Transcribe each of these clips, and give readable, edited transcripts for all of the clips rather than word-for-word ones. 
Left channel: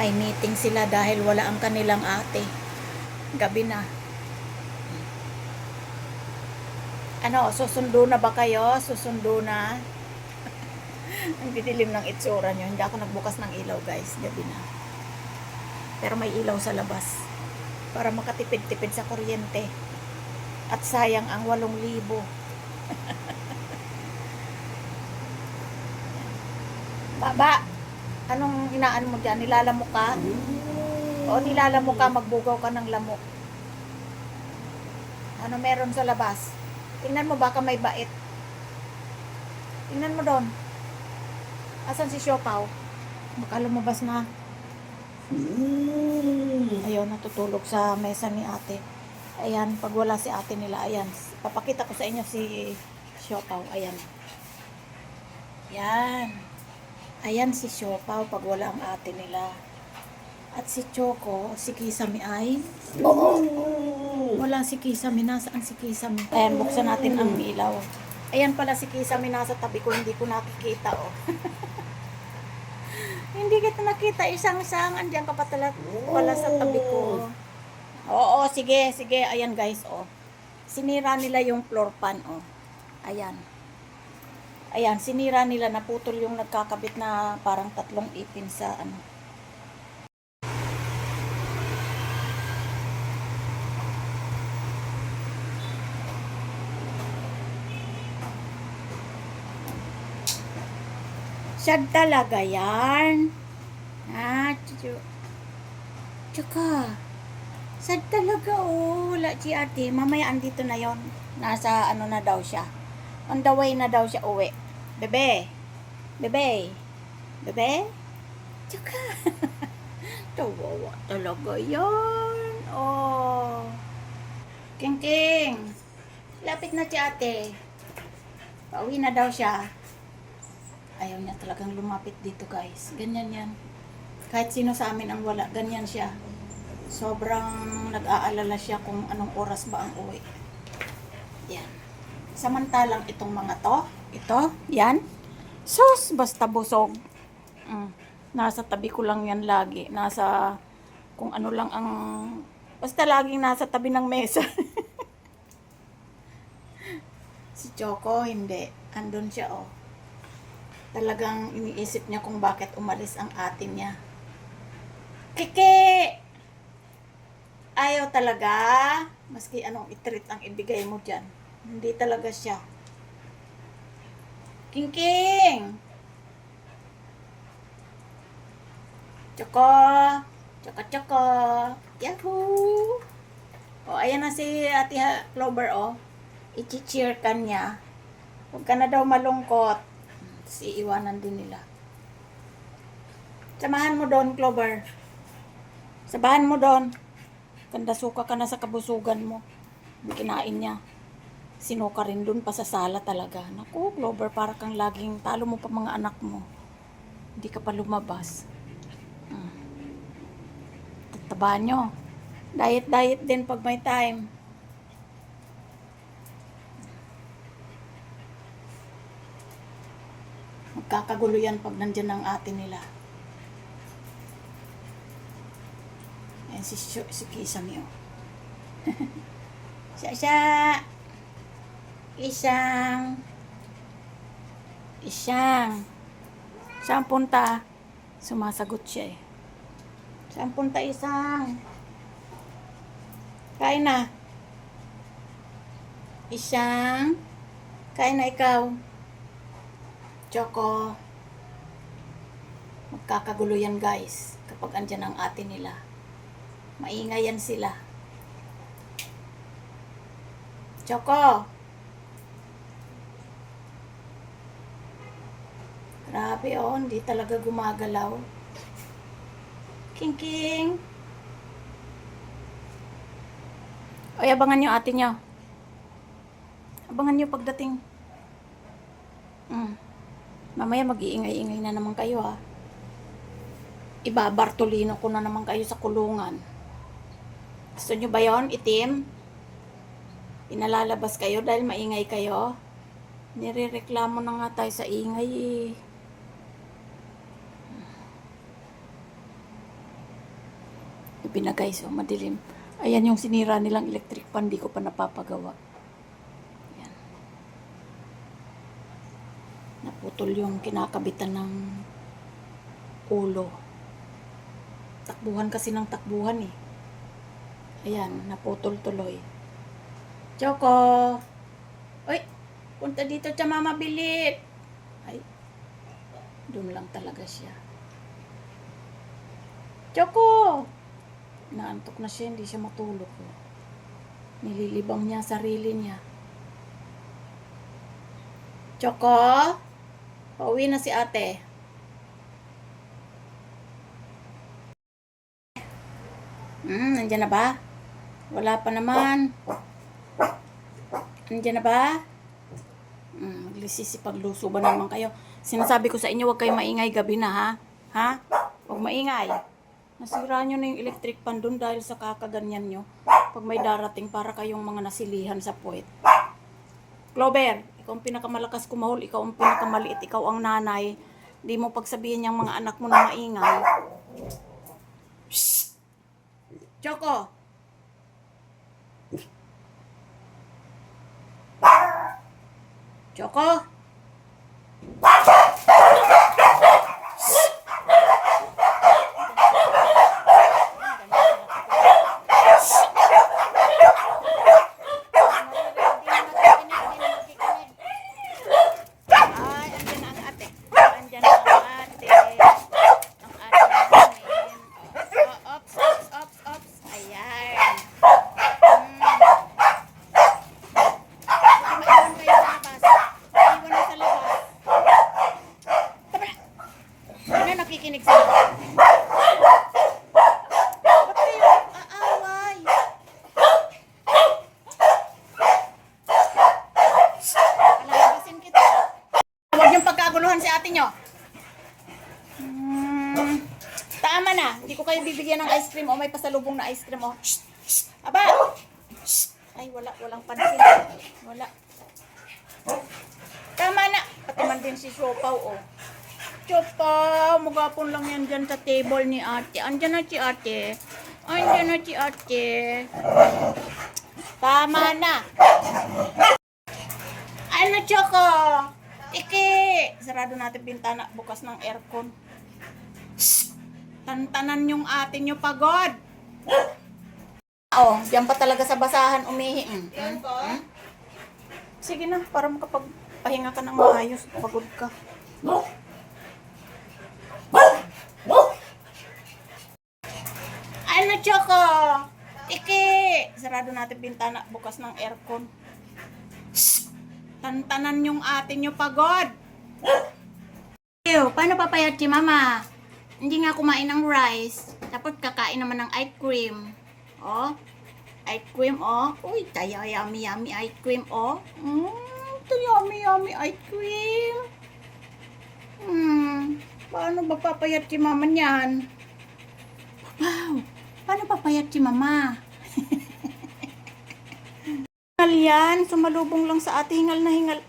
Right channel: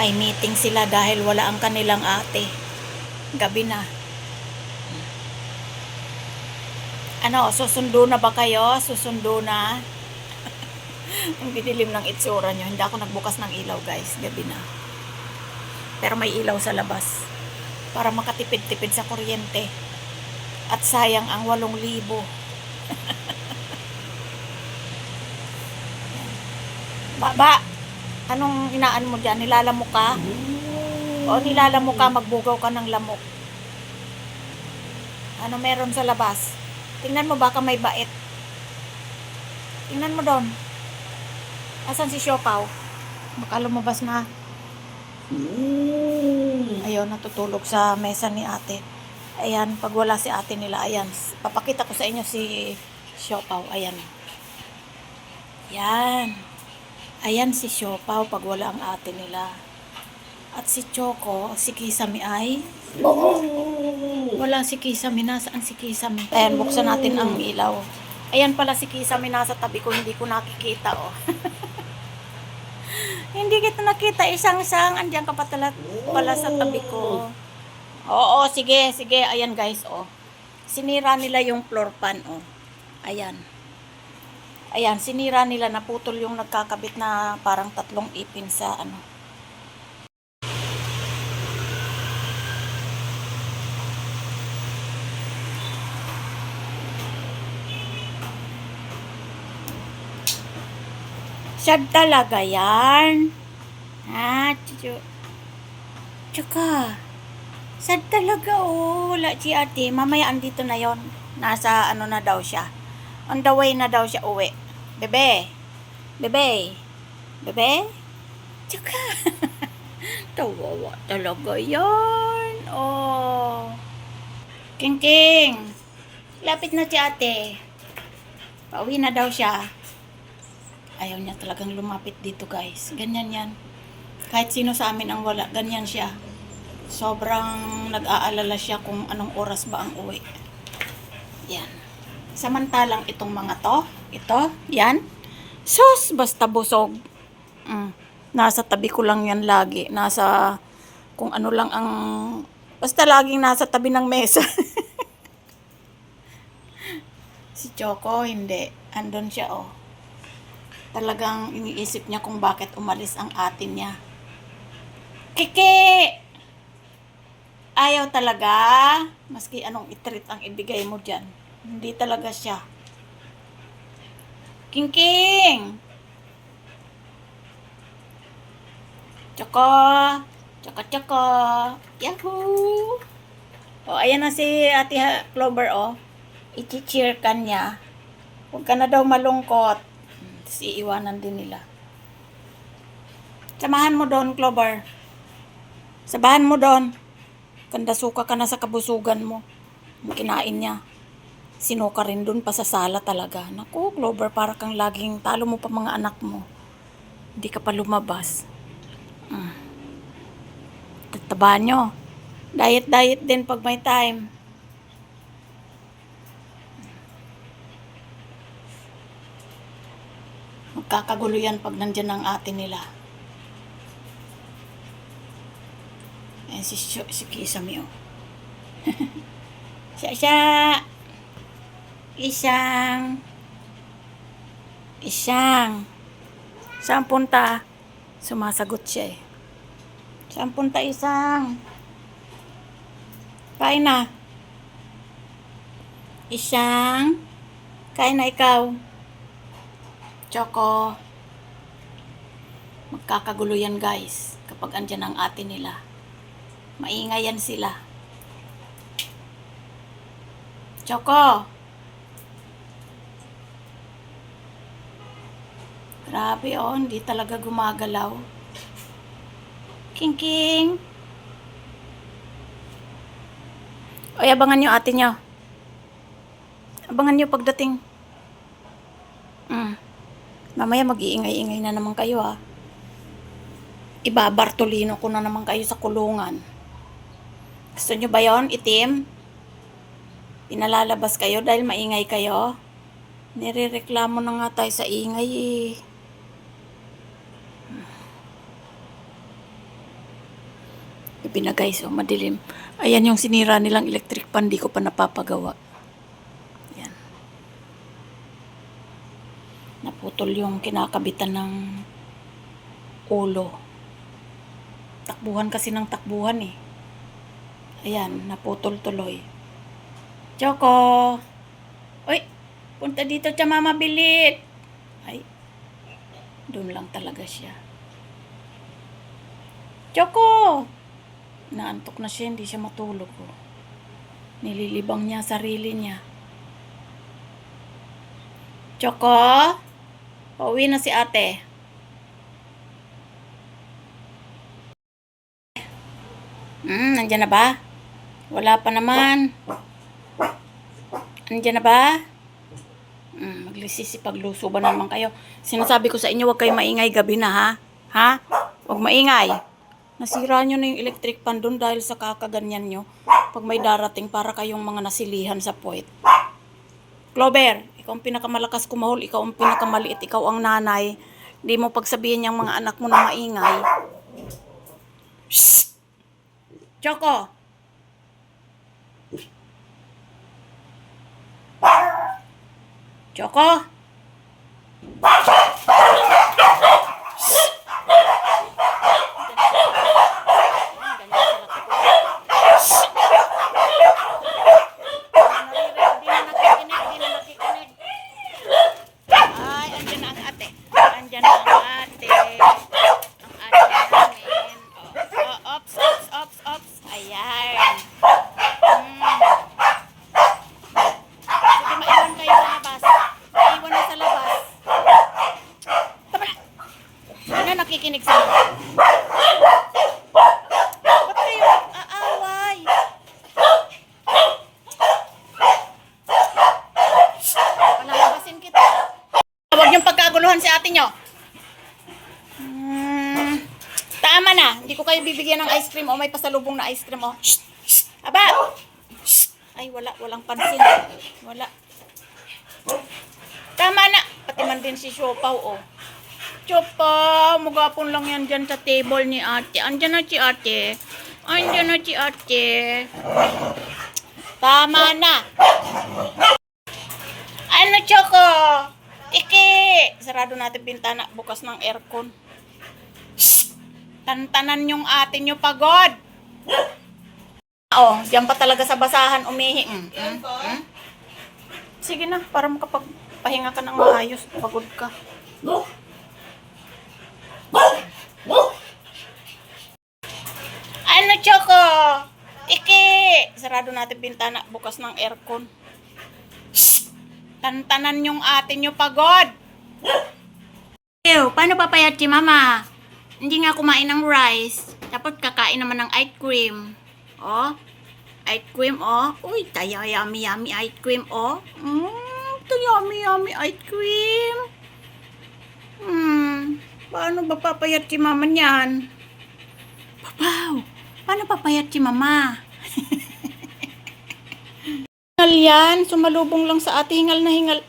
May meeting sila dahil wala ang kanilang ate. Gabi na. Ano, susundo na ba kayo? Susundo na? Ang didilim ng itsura nyo. Hindi ako nagbukas ng ilaw, guys. Gabi na. Pero may ilaw sa labas. Para makatipid-tipid sa kuryente. At sayang ang 8,000. Baba! Anong inaan mo dyan? Nilalamok ka? O nilalamok ka, magbugaw ka ng lamok? Ano meron sa labas? Tingnan mo, baka may bait. Tingnan mo doon. Asan si Siopaw? Baka lumabas na. Ayun, natutulog sa mesa ni ate. Ayan, pag wala si ate nila, ayan. Papakita ko sa inyo si Siopaw. Ayan. Yan. Ayan si Siopaw pag wala ang ate nila. At si Choco, si Kisame ay... Wala si Kisame. Nasaan si Kisame? Ayan, buksan natin ang ilaw. Ayan pala si Kisame nasa tabi ko. Hindi ko nakikita, oh. Hindi kita nakita. Isang-sang. Andiyan ka pala sa tabi ko. Oo, sige, sige. Ayan, guys, oh. Sinira nila yung floor pan, oh. Ayan. Ayan, sinira nila, naputol yung nagkakabit na parang 3 ipin sa ano. Sad talaga yan. Ha, tsaka, sad talaga, oh. Wala si ate. Mamaya andito na yon. Nasa ano na daw siya. On the way na daw siya uwi. Bebe. Bebe. Bebe. Tsaka. Tawawa talaga yan. Oh. King King. Lapit na si ate. Pauwi na daw siya. Ayaw niya talagang lumapit dito, guys. Ganyan yan. Kahit sino sa amin ang wala. Ganyan siya. Sobrang nag-aalala siya kung anong oras ba ang uwi. Yan. Samantalang itong mga to, ito, yan. Sus, basta busog. Nasa tabi ko lang yan lagi. Nasa, kung ano lang ang, basta laging nasa tabi ng mesa. Si Choco, hindi. Andun siya, oh. Talagang iniisip niya kung bakit umalis ang ate niya. Kiki! Ayaw talaga. Maski anong itreat ang ibigay mo dyan. Hindi talaga siya. King King! Choco! Choco, Choco! Yahoo! O, ayan na si Ate Clover, oh. I-cheer ka niya. Huwag ka na daw malungkot. Tapos iiwanan din nila. Samahan mo doon, Clover. Sabahan mo doon. Kandasuka ka na sa kabusugan mo. Kinain niya. Sinuka rin dun pa sa sala talaga. Naku, Clover, para kang laging talo mo pa mga anak mo. Hindi ka pa lumabas. Tataba nyo. Diet din pag may time. Magkakagulo yan pag nandyan ang ate nila. Ayan si Kisame, oh. Siya. Isang. Saan punta? Sumasagot siya, eh. Saan punta, isang? Kain na. Isang. Kain na ikaw. Choco. Magkakagulo yan, guys. Kapag andyan ang ate nila. Maingay yan sila. Choco. Grabe, oh. Hindi talaga gumagalaw. King King. Oy, abangan nyo ate nyo. Abangan nyo pagdating. Mamaya mag-iingay-ingay na naman kayo, ha. Ibabartolino ko na naman kayo sa kulungan. Gusto nyo ba yon, itim? Pinalalabas kayo dahil maingay kayo? Nirereklamo na nga tayo sa ingay, eh. Gabi na guys, oh, madilim. Ayan yung sinira nilang electric pan, di ko pa napapagawa. Ayan. Naputol yung kinakabitan ng ulo. Takbuhan kasi ng takbuhan eh. Ayan, naputol tuloy. Choco! Uy! Punta dito siya, mama, bilit! Ay, doon lang talaga siya. Choco! Naantok na siya, hindi siya matulog. Oh. Nililibang niya sarili niya. Choco! Pauwi na si ate. Nandyan na ba? Wala pa naman. Nandyan na ba? Maglisisipagluso ba naman kayo? Sinasabi ko sa inyo, huwag kayo maingay gabi na, ha? Ha? Huwag maingay. Nasira nyo na yung electric pan doon dahil sa kakaganyan nyo. Pag may darating para kayong mga nasilihan sa puwet. Clover, ikaw ang pinakamalakas kumahol, ikaw ang pinakamaliit, ikaw ang nanay. Hindi mo pagsabihin yung mga anak mo na maingay. Shhh! Choco! Choco! Nakikinig sa mga. Ba't kayo aaway? Palalabasin kita. Huwag niyong pagkaguluhan si ate nyo. Tama na. Hindi ko kayo bibigyan ng ice cream o may pasalubong na ice cream o. Shh! Shh! Aba! Shh! Ay, walang pansin. Wala. Tama na. Pati man din si Siopaw o. Chopa, magapon lang yan dyan sa table ni ate. Andyan na si ate. Andyan na si ate. Tama na. Ano, Choco? Iki. Sarado natin bintana. Bukas ng aircon. Shhh! Tantanan yung ate nyo pagod. Oh, diyan pa talaga sa basahan umihi. Sige na, para makapagpahinga ka ng maayos. Pagod ka. Ano, Choco? Iki! Sarado natin bintana. Bukas ng aircon. Shhh! Tantanan yung ate nyo pagod. Ew, paano papayat si mama? Hindi nga kumain ng rice. Tapos kakain naman ng ice cream. Oh, ice cream, oh. Uy, tayo yummy ice cream, oh. Yummy ice cream. Paano ba papayat si mama niyan? Wow, paano papayat si mama? Hingal yan, sumalubong lang sa ate, hingal na hingal.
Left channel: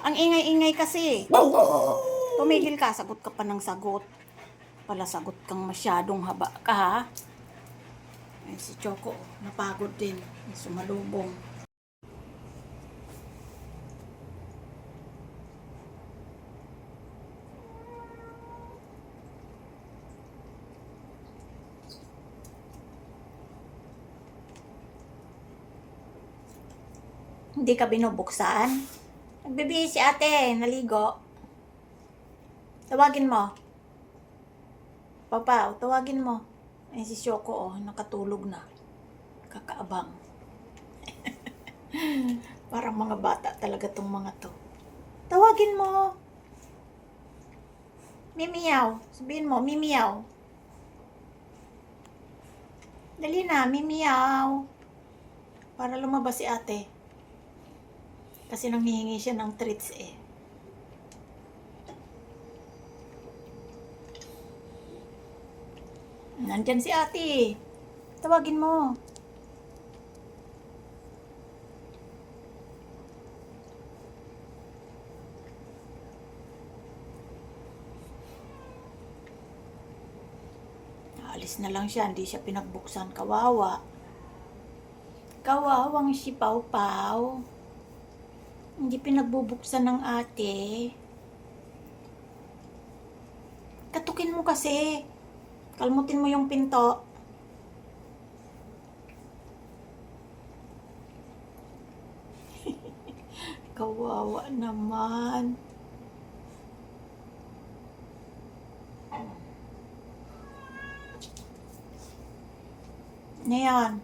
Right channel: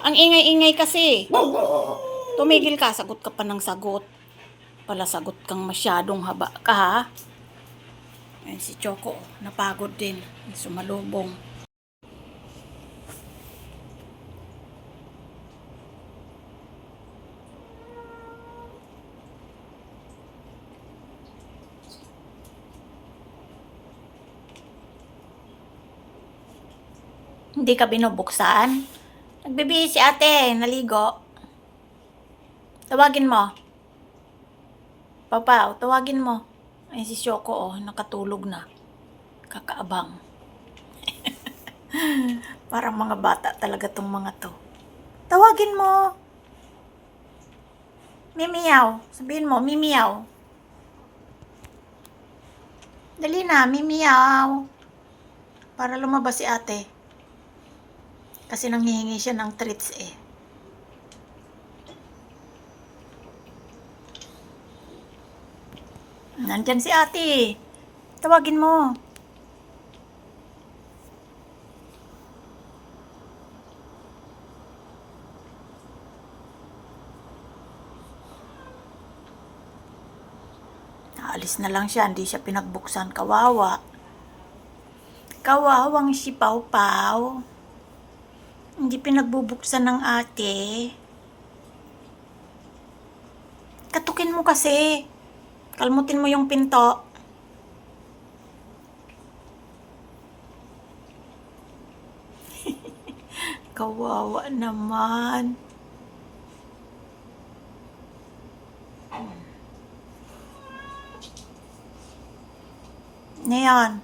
Ang ingay-ingay kasi. Tumigil ka, sagot ka pa ng sagot. Pala sagot kang masyadong haba ka, ha? Ayan si Choco, napagod din. Sumalubong. Hindi ka binubuksan? Nagbibihis si ate, naligo. Tawagin mo. Papa, tawagin mo. Ay si Choco, oh, nakatulog na. Kakaabang. Parang mga bata talaga tong mga to. Tawagin mo. Mimiyaw. Sabihin mo, mimiyaw. Dali na, mimiyaw. Para lumabas si ate. Kasi nanghihingi siya ng treats eh. Nandyan si ate. Tawagin mo. Paalis na lang siya, hindi siya pinagbuksan. Kawawa. Kawawang si Pau Pau. Hindi pinagbubuksan ng ate. Katukin mo kasi. Kalmutin mo yung pinto. Kawawa naman. Ngayon.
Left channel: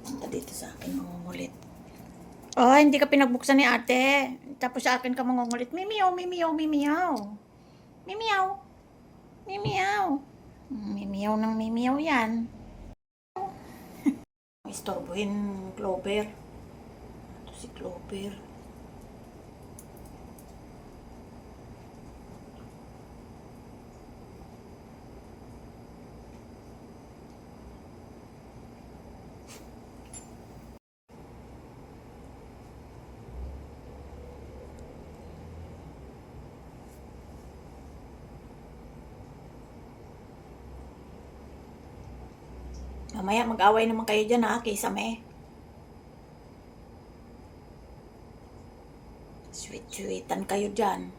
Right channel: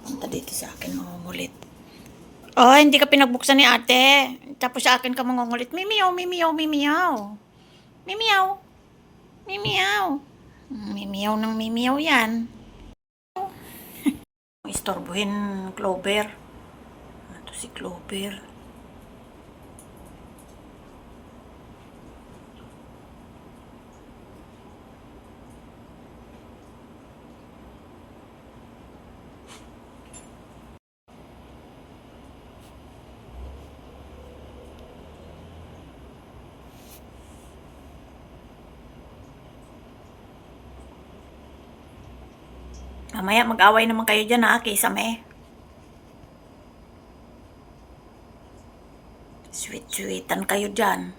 Punta dito sa akin, mangungulit. Oh, hindi ka pinagbuksan ni ate. Tapos sa akin ka mangungulit. Mimiyaw, mimiyaw, mimiyaw. Mimiyaw. Mimiyaw. Mimiyaw ng mimiyaw yan. Istorbohin Clover. Ito si Clover. Mamaya mag-away naman kayo dyan ha, Kisame. Sweet-sweetan kayo dyan.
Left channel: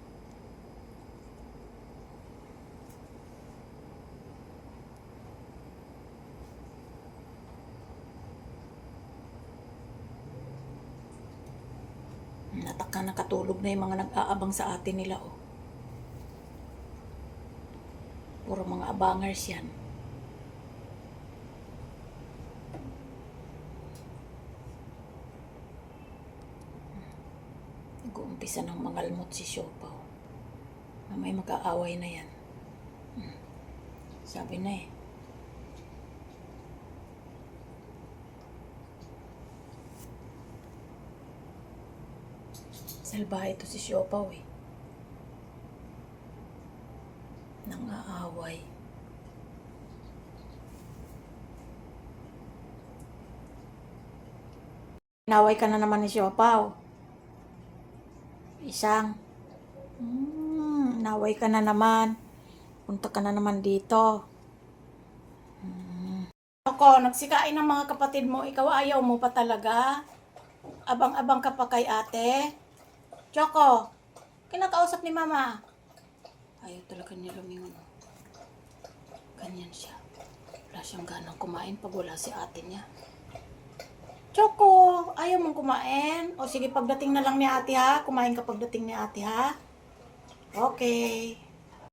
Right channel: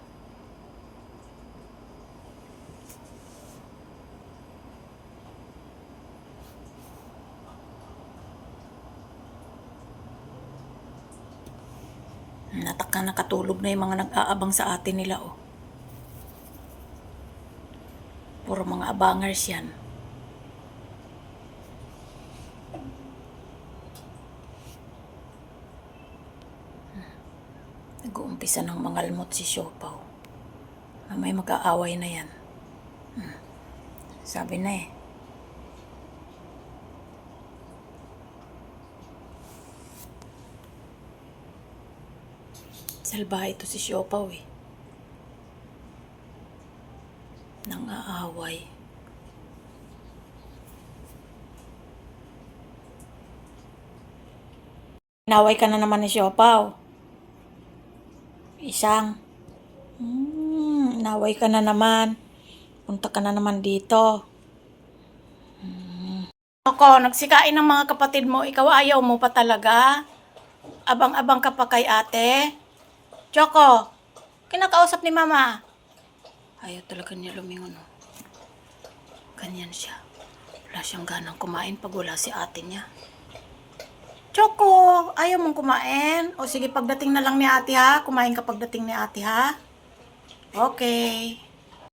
Natakang nakatulog na yung mga nag-aabang sa atin nila oh. Puro mga abangers yan. Nag-uumpisa ng mangalmot si Siopaw. May mag-aaway na yan. Sabi na eh. Salbahe ito si Siopaw eh. Nang-aaway. Naway ka na naman ni Siopaw. Isang. Naway ka na naman. Punta ka na naman dito. Ako, nagsikain ng mga kapatid mo. Ikaw ayaw mo pa talaga. Abang-abang ka pa kay ate. Choco, kinakausap ni mama. Ayaw talaga niya lumingon. Ganyan siya. Wala siyang ganang kumain pag wala si ate niya. Choco, ayaw mong kumain? O sige, pagdating na lang ni ate ha. Kumain ka pagdating ni ate ha. Okay.